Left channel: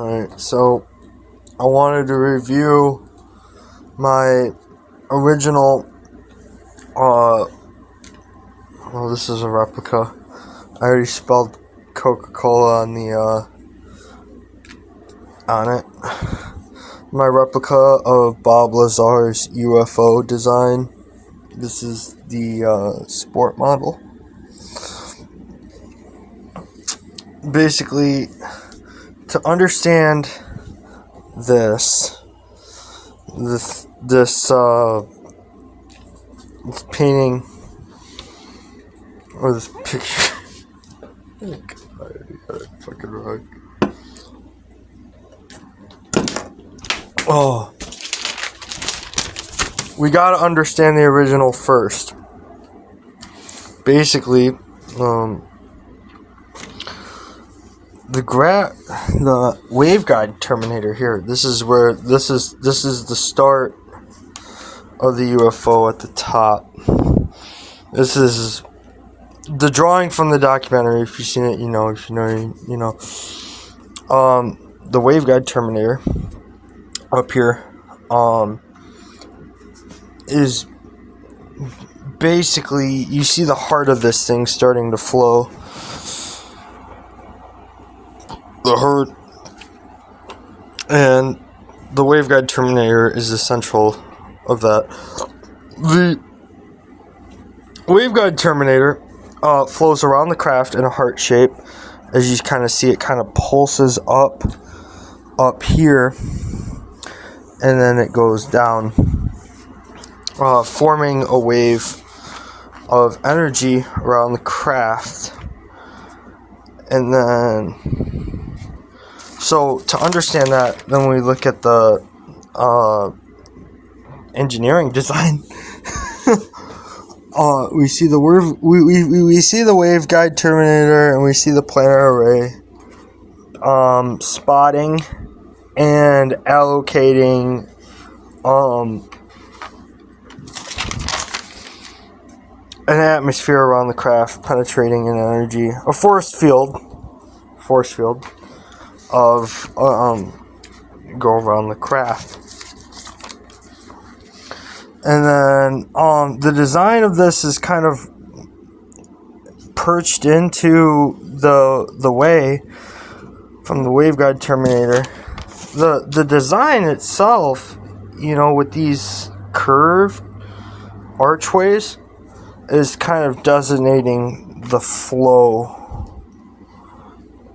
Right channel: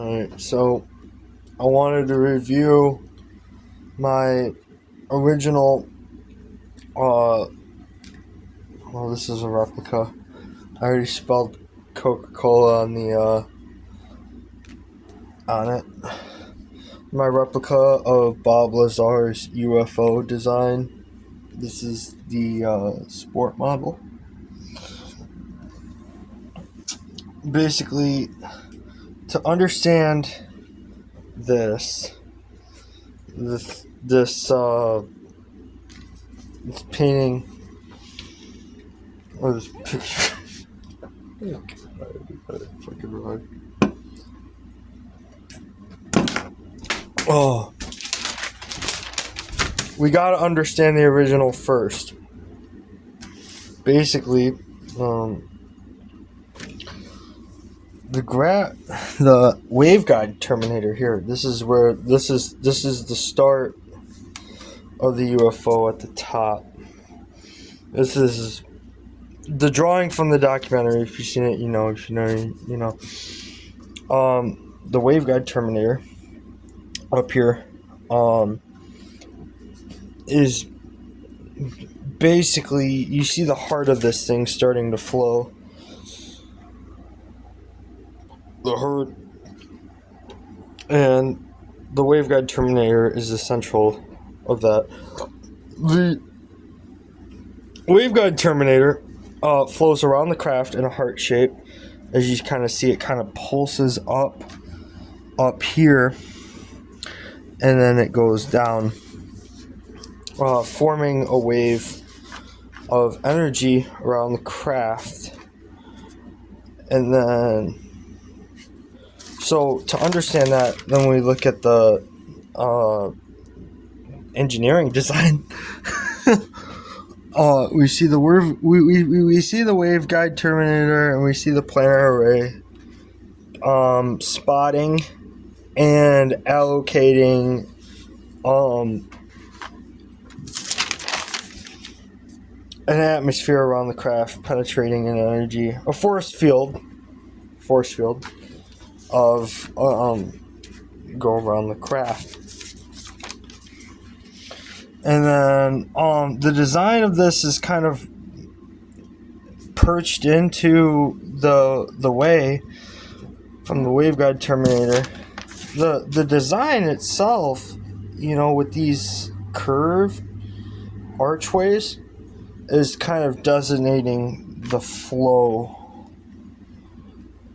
Alright, so I wanted to review my original, this is a replica. I already spelled Coca-Cola on it. My replica of Bob Lazars' UFO design. This is the sport model. Basically, to understand this painting or this picture. Oh God, I got it fucking wrong. Oh, we gotta understand the original first. Basically, the waveguide terminator here. This is the start of the UFO at the top. This is the drawing from the documentary. If you've seen it, you know. If you know, you know. The waveguide terminator up here, is basically, you see the heart of this thing starting to flow. The heart, and the waveguide terminator is the central of that. The waveguide terminator flows around the craft in a heart shape. As you kind of see, it kind of pulses up here, and then it goes down, forming a wave of energy around the craft. And then, so to understand that, then we look at the engineering design. We see the we see the waveguide terminator, and we see the planar array spotting and allocating an atmosphere around the craft, penetrating an energy, a force field of go around the craft. And then the design of this is kind of perched into the way from the waveguide terminator. The design itself, you know, with these curved archways, is kind of designating the flow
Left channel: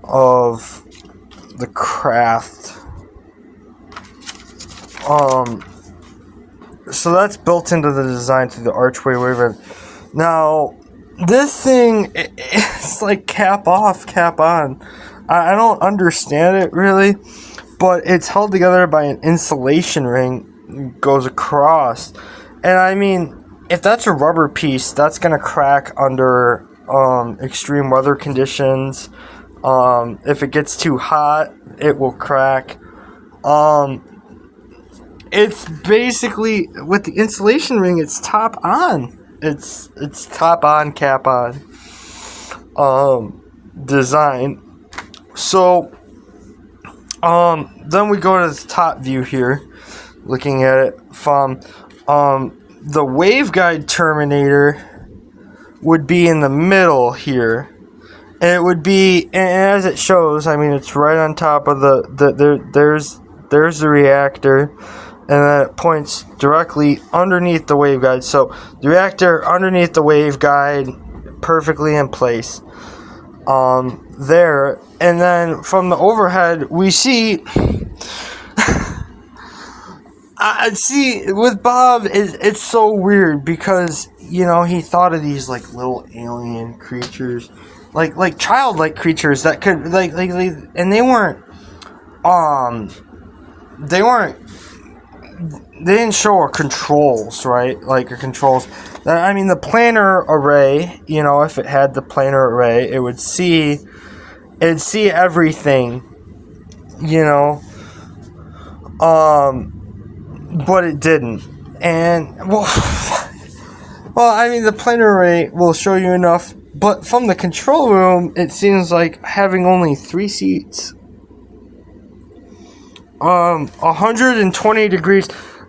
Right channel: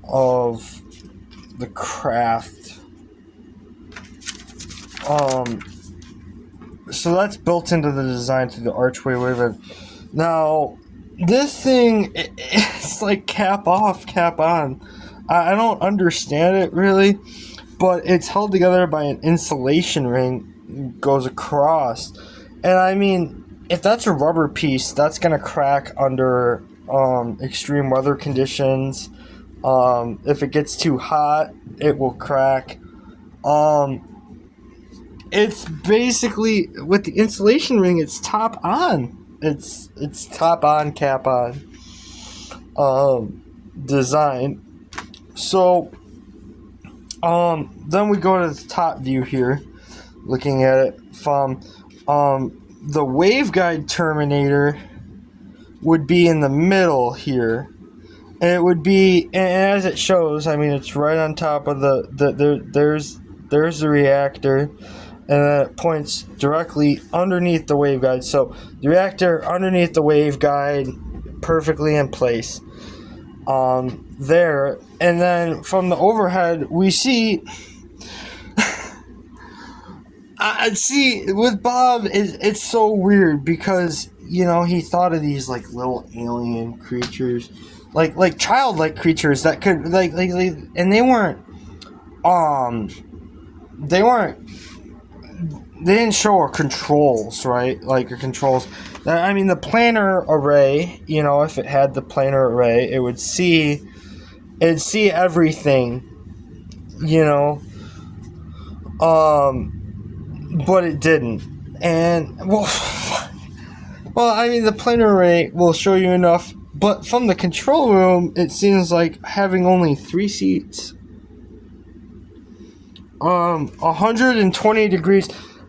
of the craft. So that's built into the design through the archway waveguide. Now, this thing, it's like cap off, cap on. I don't understand it really, but it's held together by an insulation ring, goes across. And I mean, if that's a rubber piece, that's gonna crack under extreme weather conditions. If it gets too hot, it will crack. It's basically, with the insulation ring, it's top on. It's top on, cap on design. So then we go to the top view here, looking at it from the waveguide terminator would be in the middle here, and it would be, and as it shows, I mean, it's right on top of there's the reactor, and then it points directly underneath the waveguide. So the reactor underneath the waveguide, perfectly in place there. And then from the overhead, we see I see with Bob, it's so weird because, you know, he thought of these like little alien creatures, like childlike creatures that could like and they didn't show controls, right? Like controls. I mean, the planar array, you know, if it had the planar array, it'd see everything, you know. But it didn't. And well, I mean, the planar array will show you enough, but from the control room, it seems like having only 3 seats 120 degrees.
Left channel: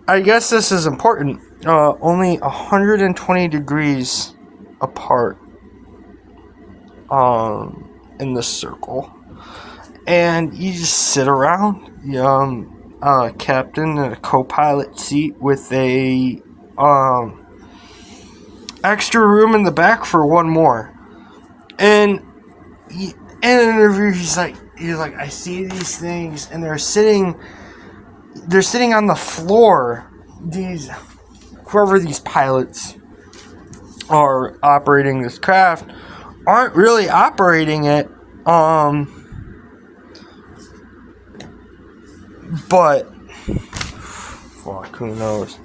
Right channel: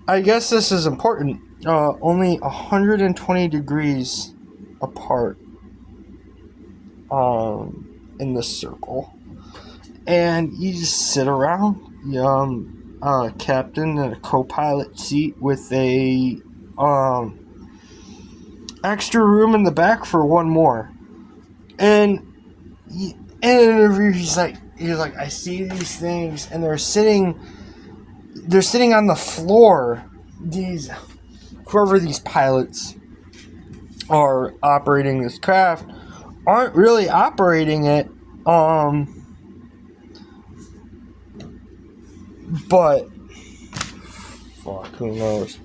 I guess this is important. Only 120 degrees apart. In the circle, and you just sit around. Captain in a co-pilot seat with a extra room in the back for one more. And in an interview, he's like, I see these things, and they're sitting on the floor. Whoever these pilots are operating this craft aren't really operating it, but fuck, who knows?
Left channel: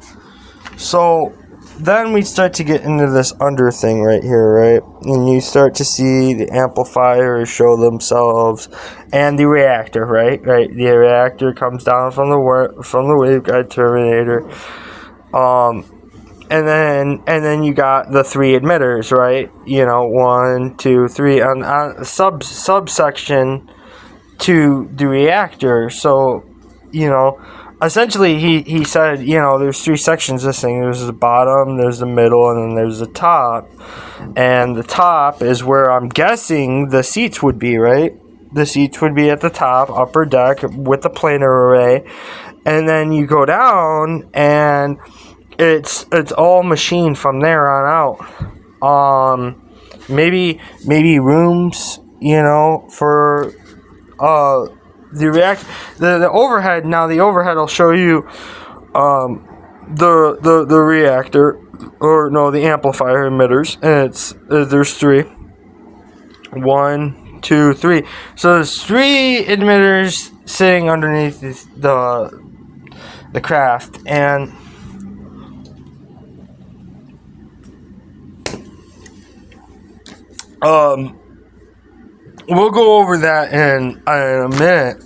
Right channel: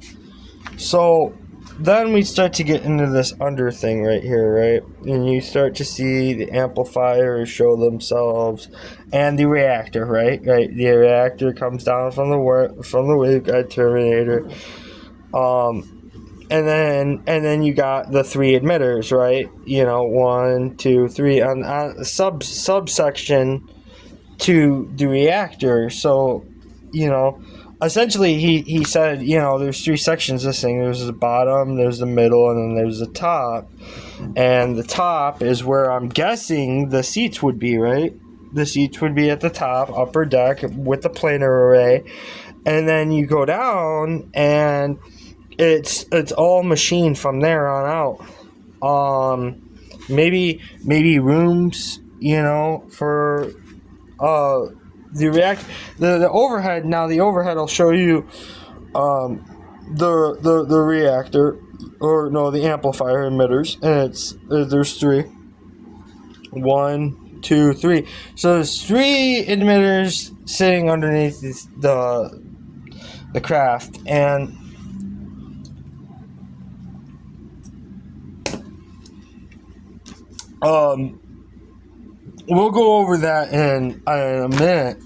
So then we start to get into this under thing right here, right? And you start to see the amplifiers show themselves, and the reactor, right? The reactor comes down from the waveguide terminator, and then you got the three emitters, right? 1, 2, 3 on subsection to the reactor. So, essentially he said, there's three sections of this thing. There's the bottom, there's the middle, and then there's the top. And the top is where I'm guessing the seats would be, right? The seats would be at the top, upper deck with the planar array. And then you go down, and it's all machined from there on out. Maybe rooms, for the react the overhead. Now the overhead will show you the reactor, or no, the amplifier emitters, and there's three. 1, 2, 3. So there's three emitters sitting underneath the craft, and we'll go over that in a minute.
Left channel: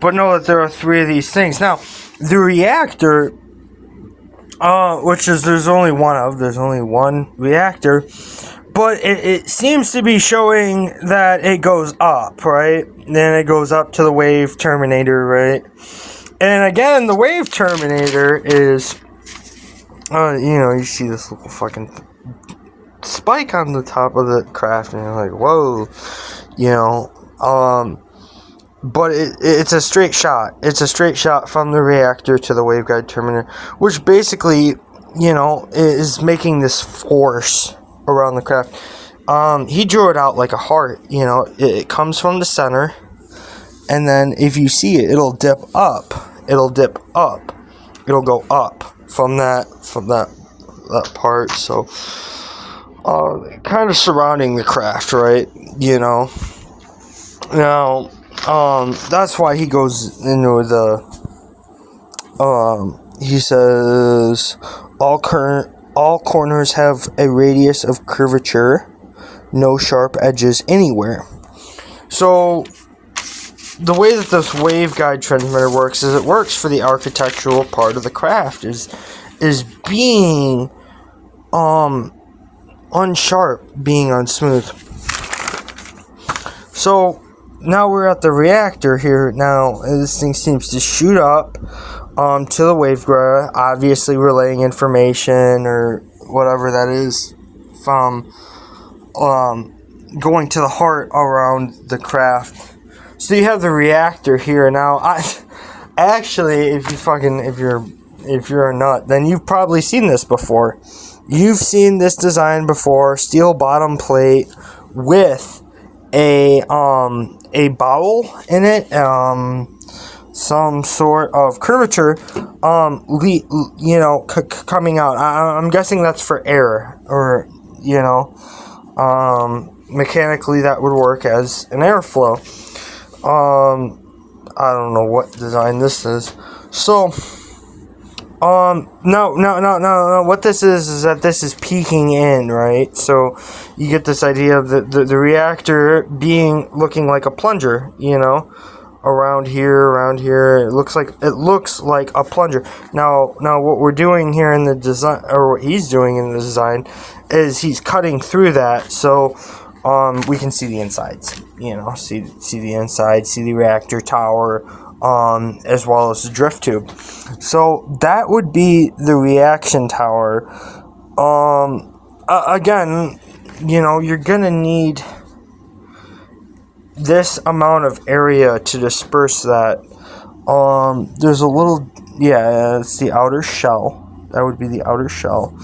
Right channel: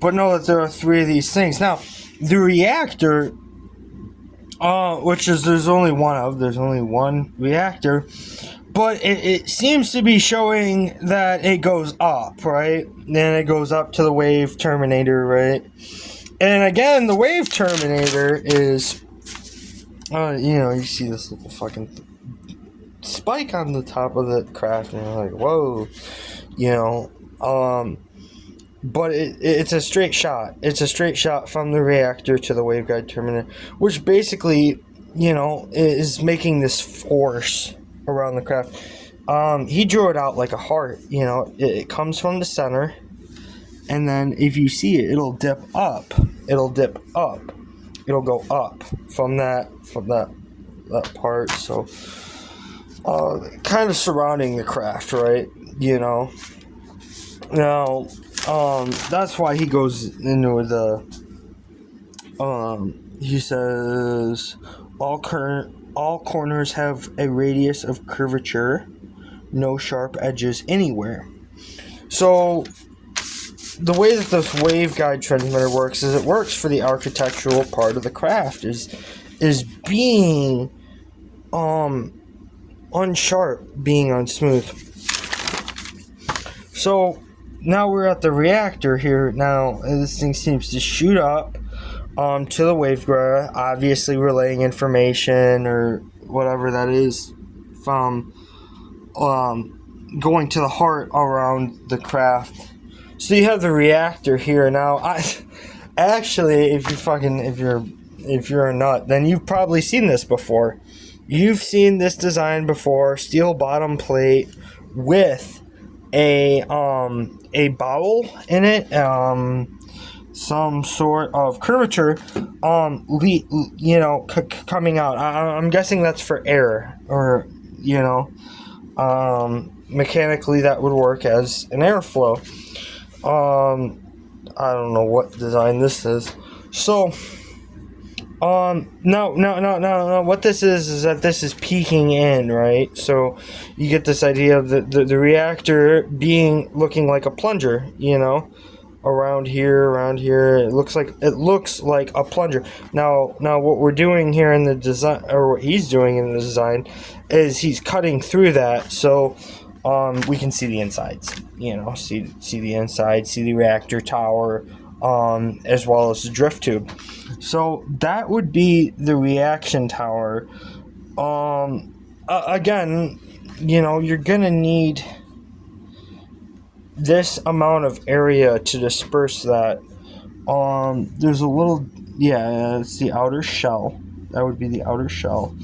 But know that there are three of these things. Now, the reactor, which is there's only one reactor, but it seems to be showing that it goes up, right? Then it goes up to the wave terminator, right? And again, the wave terminator is, you see this little fucking spike on the top of the craft, and you're like, whoa, but it's a straight shot. It's a straight shot from the reactor to the waveguide terminator, which basically, is making this force around the craft. He drew it out like a heart. It comes from the center, and then if you see it, it'll dip up. It'll go up from that part. So kind of surrounding the craft, right? Now, that's why he goes into the, he says, all corners have a radius of curvature, no sharp edges anywhere. So, the way that this waveguide transmitter works is it works for the architectural part of the craft, is being, unsharp, being unsmooth. So now we're at the reactor here. Now this thing seems to shoot up to the waveguide, obviously relaying information or whatever that is from going to the heart around the craft. So you have the reactor here. Now I actually, if you're a nut, then you've probably seen this before. You've seen this design before, steel bottom plate with a bowel in it, some sort of curvature, coming out. I'm guessing that's for air, or mechanically that would work as an airflow. I don't know what design this is. So, no. What this is that this is peeking in, right? So you get this idea of the reactor looking like a plunger, around here. It looks like a plunger. Now what we're doing here in the design, or what he's doing in the design, is he's cutting through that. So we can see the insides. See the inside, see the reactor tower, as well as the drift tube. So that would be the reaction tower. Again, you're gonna need this amount of area to disperse that. There's a little, it's the outer shell. That would be the outer shell.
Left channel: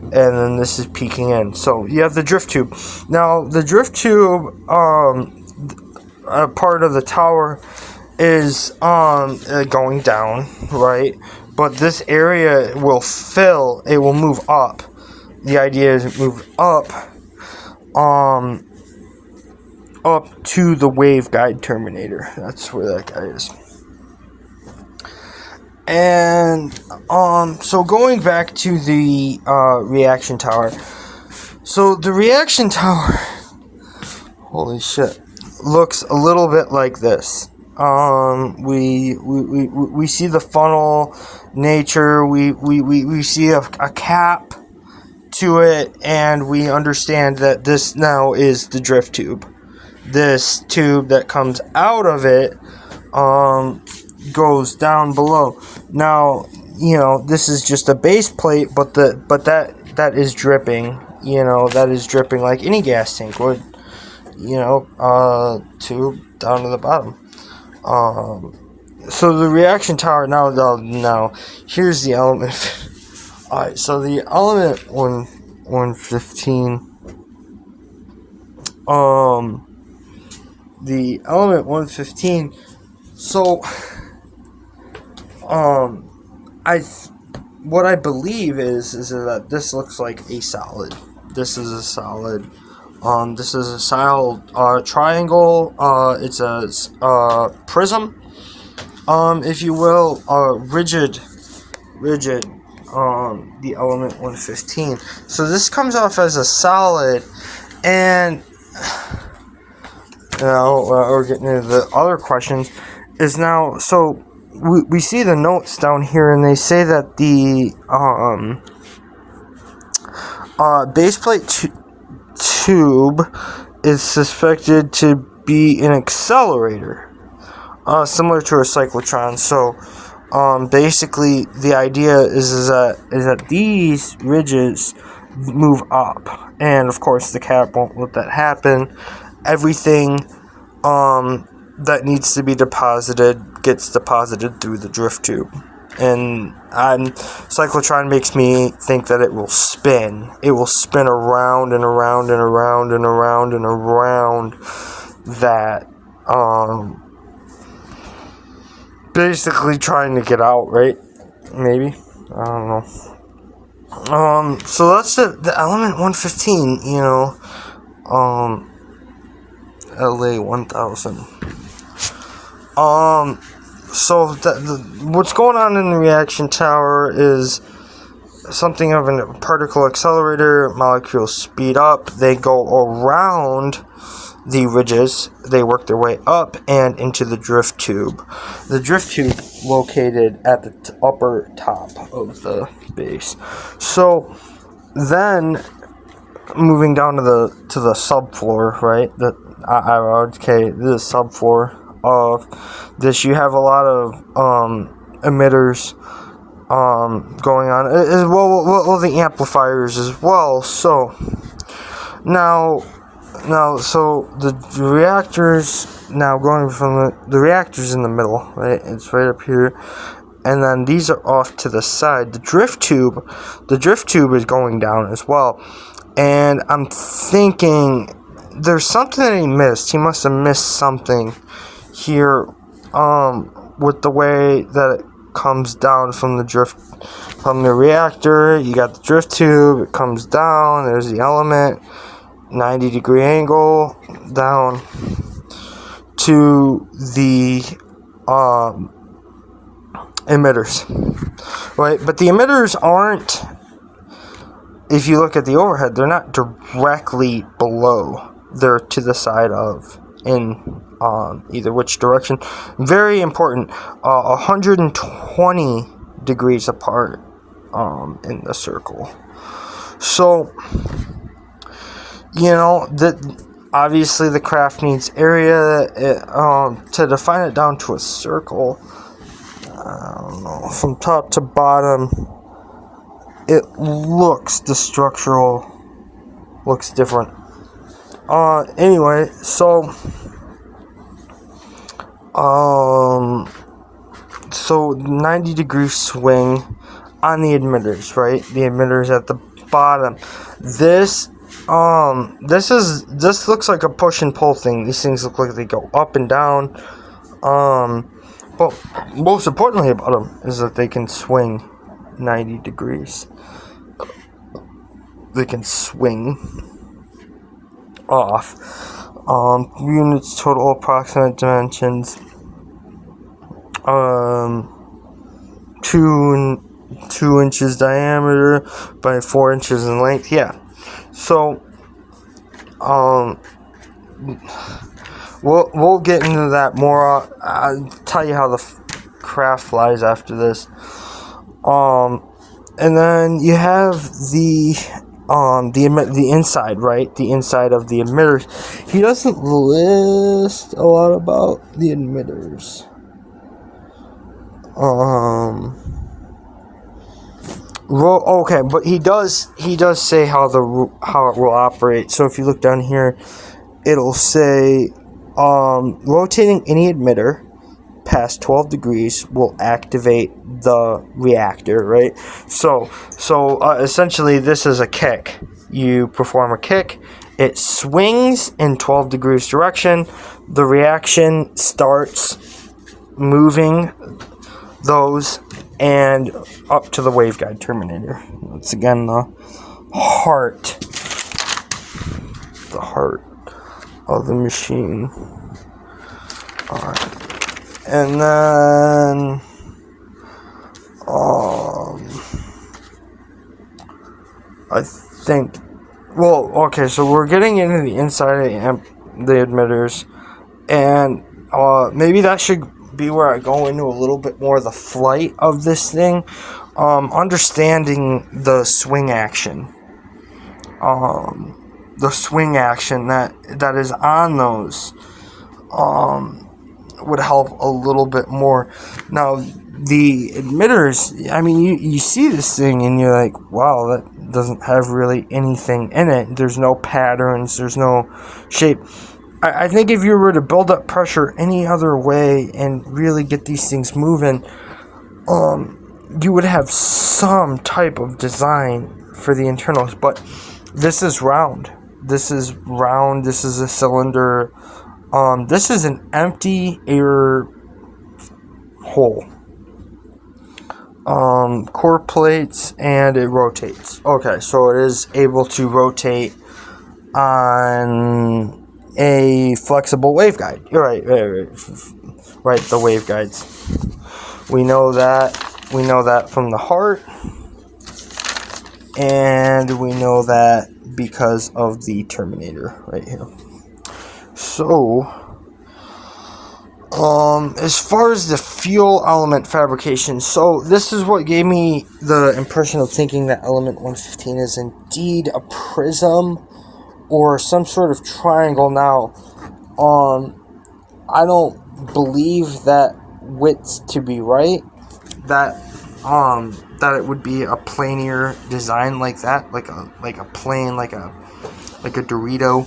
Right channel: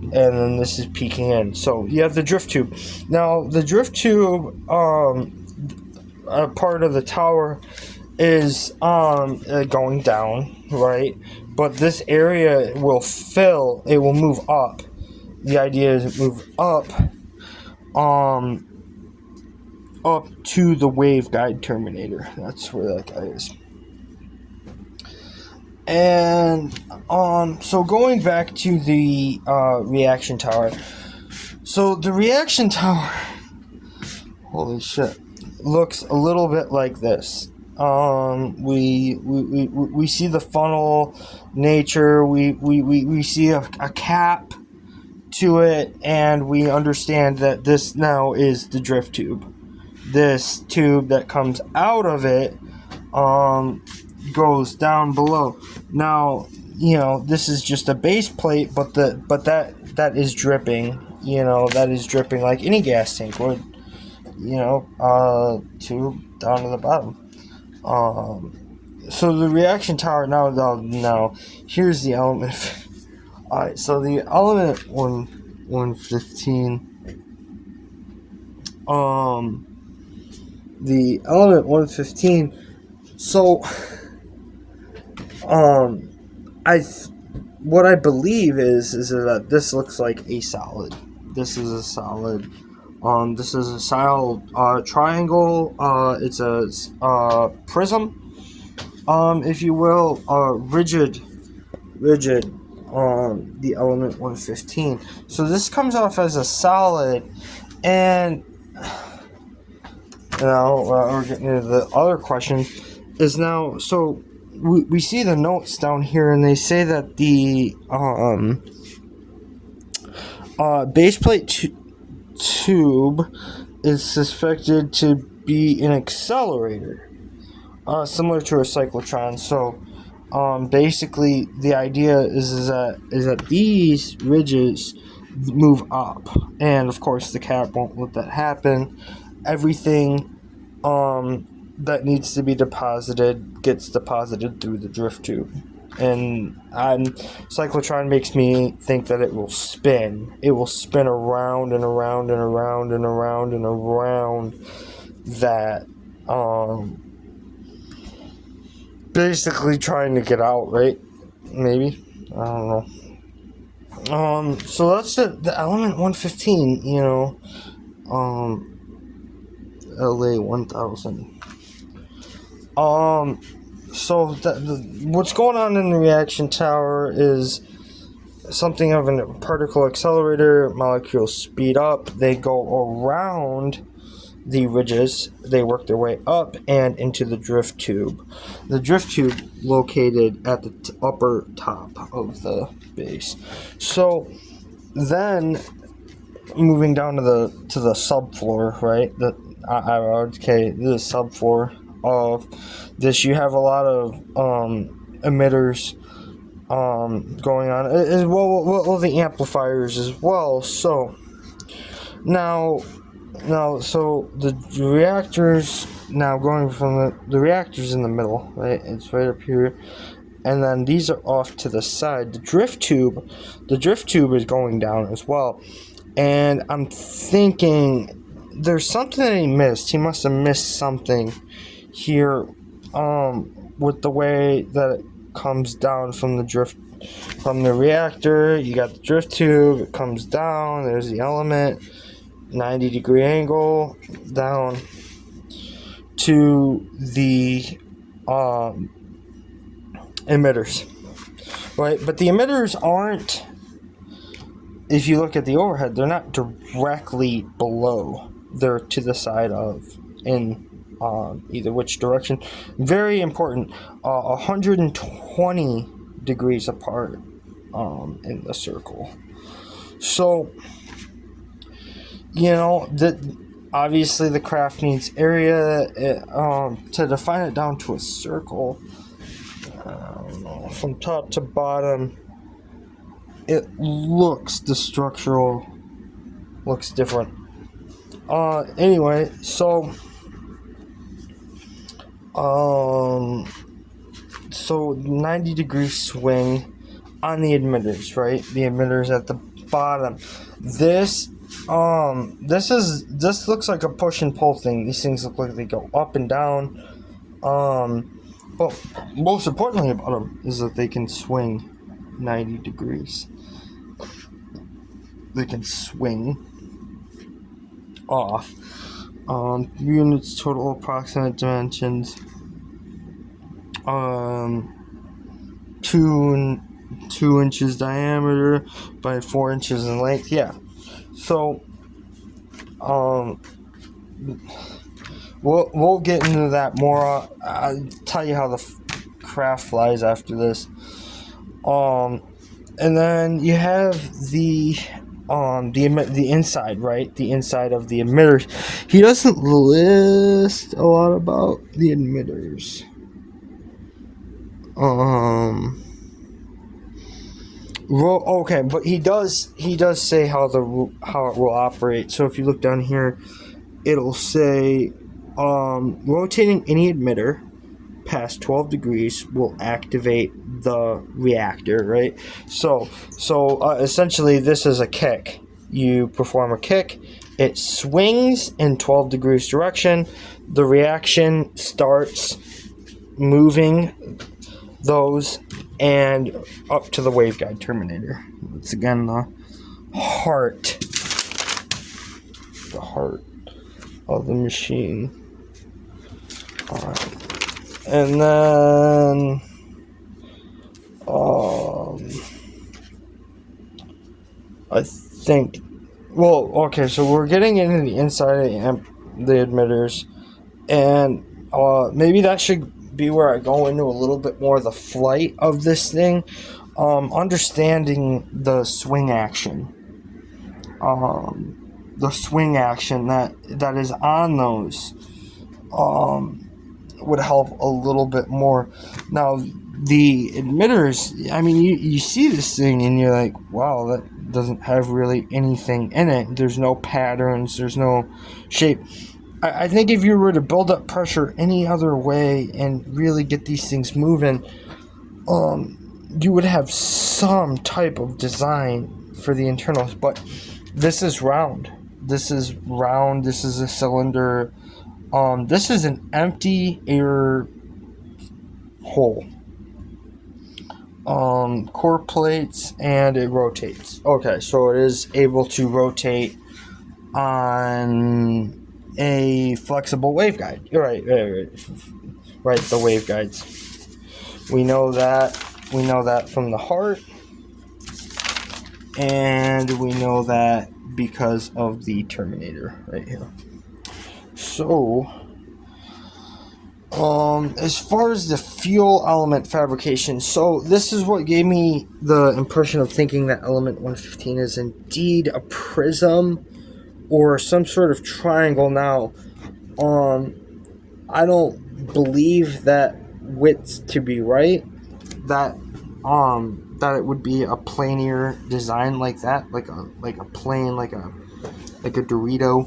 And then this is peeking in. So you have the drift tube. Now, the drift tube, a part of the tower is going down, right? But this area will fill, it will move up. The idea is move up to the waveguide terminator. That's where that guy is. And so going back to the reaction tower. So the reaction tower, holy shit, looks a little bit like this. We see the funnel nature. We see a cap to it, and we understand that this now is the drift tube. This tube that comes out of it goes down below. Now, this is just a base plate, but that is dripping. That is dripping like any gas tank would. Tube down to the bottom. So the reaction tower now here's the element. All right, so the element 115. The element 115. So, what I believe is that this looks like a solid. This is a solid. This is a solid triangle. It's a prism, if you will, rigid. The element 115. So this comes off as a solid, and now we're getting into the other questions. Is now, so we see the notes down here, and they say that the baseplate tube is suspected to be an accelerator, similar to a cyclotron. So basically the idea is that these ridges move up, and of course the cap won't let that happen. Everything that needs to be deposited gets deposited through the drift tube. And cyclotron makes me think that it will spin. It will spin around and around and around and around and around that, basically trying to get out, right? Maybe? I don't know. So that's the element 115, LA 1000. So what's going on in the reaction tower is something of a particle accelerator. Molecules speed up, they go around the ridges, they work their way up and into the drift tube. The drift tube located at the upper top of the base. So then moving down to the subfloor, right? The subfloor of this, you have a lot of emitters going on, as well the amplifiers as well. So now so the reactors, now going from the reactors in the middle, right? It's right up here, and then these are off to the side. The drift tube is going down as well, and I'm thinking there's something that he missed. He must have missed something here, with the way that it comes down from the reactor. You got the drift tube, it comes down, there's the element, 90-degree angle down to the emitters, right? But the emitters aren't, if you look at the overhead, they're not directly below, they're to the side of, in either which direction. Very important, 120 degrees apart in the circle. So Obviously, the craft needs area. To define it down to a circle, I don't know, from top to bottom, it looks, the structural looks different. Anyway, so 90-degree swing on the emitters, right? The emitters at the bottom. This looks like a push and pull thing. These things look like they go up and down. But most importantly about them is that they can swing 90 degrees. They can swing off. Units, total approximate dimensions. 2 inches diameter by 4 inches in length. Yeah. So, we'll get into that more. I'll tell you how the craft flies after this. And then you have the inside, right? The inside of the emitters. He doesn't list a lot about the emitters. Well, okay, but he does say how it will operate. So if you look down here, it'll say rotating any emitter past 12 degrees will activate the reactor, right? So essentially this is a kick. You perform a kick, it swings in 12 degrees direction, the reaction starts moving those and up to the waveguide terminator. That's again the heart of the machine. Alright. And then I think, well, okay, so we're getting into the inside of the emitters, and maybe that should be where I go into a little bit more of the flight of this thing. Understanding the swing action. The swing action that is on those would help a little bit more. Now, the emitters, I mean, you see this thing and you're like, wow, that doesn't have really anything in it. There's no patterns, there's no shape. I think if you were to build up pressure any other way and really get these things moving, you would have some type of design for the internals. But this is round. This is a cylinder. This is an empty air hole. Core plates, and it rotates. Okay, so it is able to rotate on a flexible waveguide. You're right, the waveguides. We know that from the heart, and we know that because of the terminator right here. So, as far as the fuel element fabrication, so this is what gave me the impression of thinking that element 115 is indeed a prism or some sort of triangle. Now, I don't believe that width to be right. That it would be a planar design like that, like a plane, like a Dorito.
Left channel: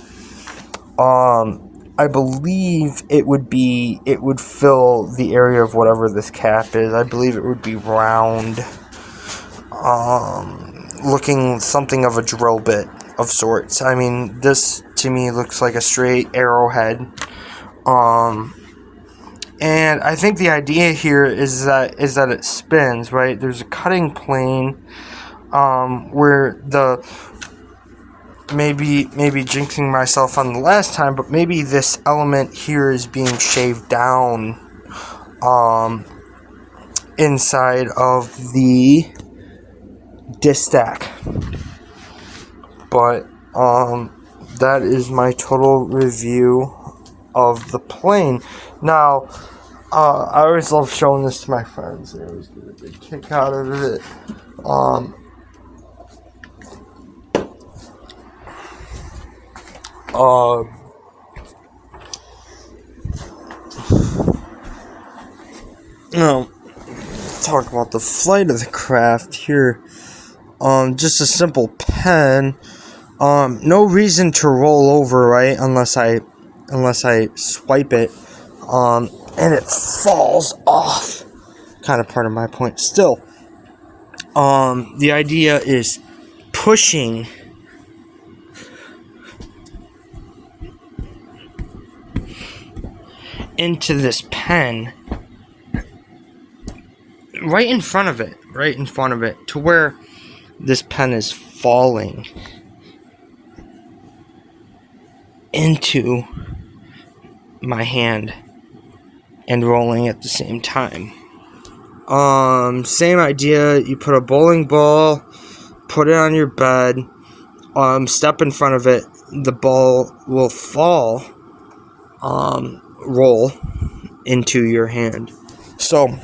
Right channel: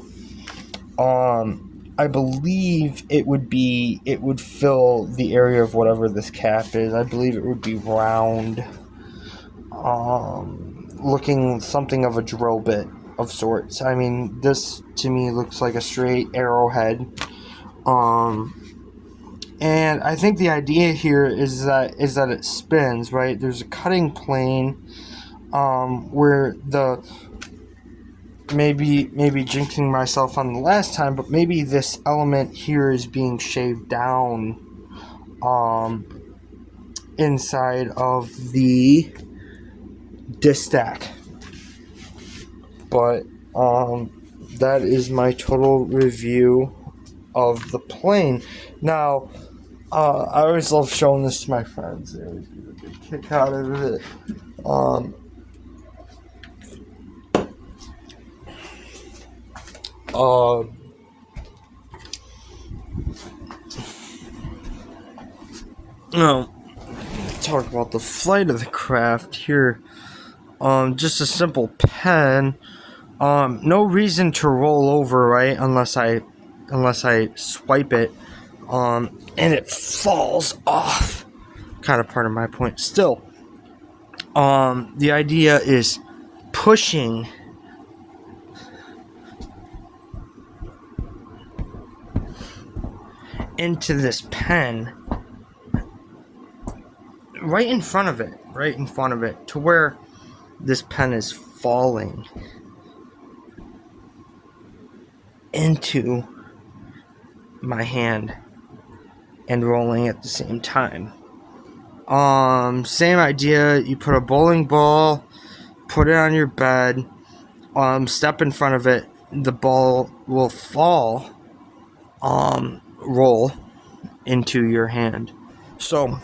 I believe it would fill the area of whatever this cap is. I believe it would be round, looking something of a drill bit of sorts. I mean, this to me looks like a straight arrowhead. And I think the idea here is that it spins, right? There's a cutting plane, where the maybe jinxing myself on the last time, but maybe this element here is being shaved down inside of the disc stack. But that is my total review of the plane. Now, I always love showing this to my friends. They always get a big kick out of it. Now, talk about the flight of the craft here. Just a simple pen. No reason to roll over, right? Unless I swipe it. And it falls off. Kind of part of my point. Still, the idea is pushing into this pen right in front of it, to where this pen is falling into my hand and rolling at the same time. Same idea. You put a bowling ball, put it on your bed, step in front of it, the ball will fall, roll into your hand. So,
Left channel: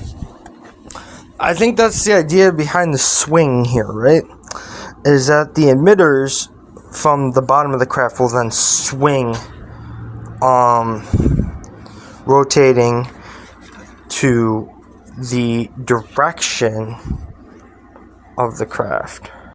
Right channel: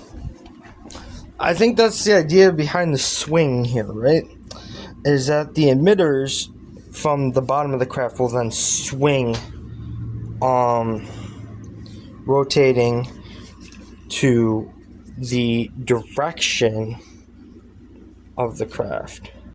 I think that's the idea behind the swing here, right? Is that the emitters from the bottom of the craft will then swing, rotating to the direction of the craft.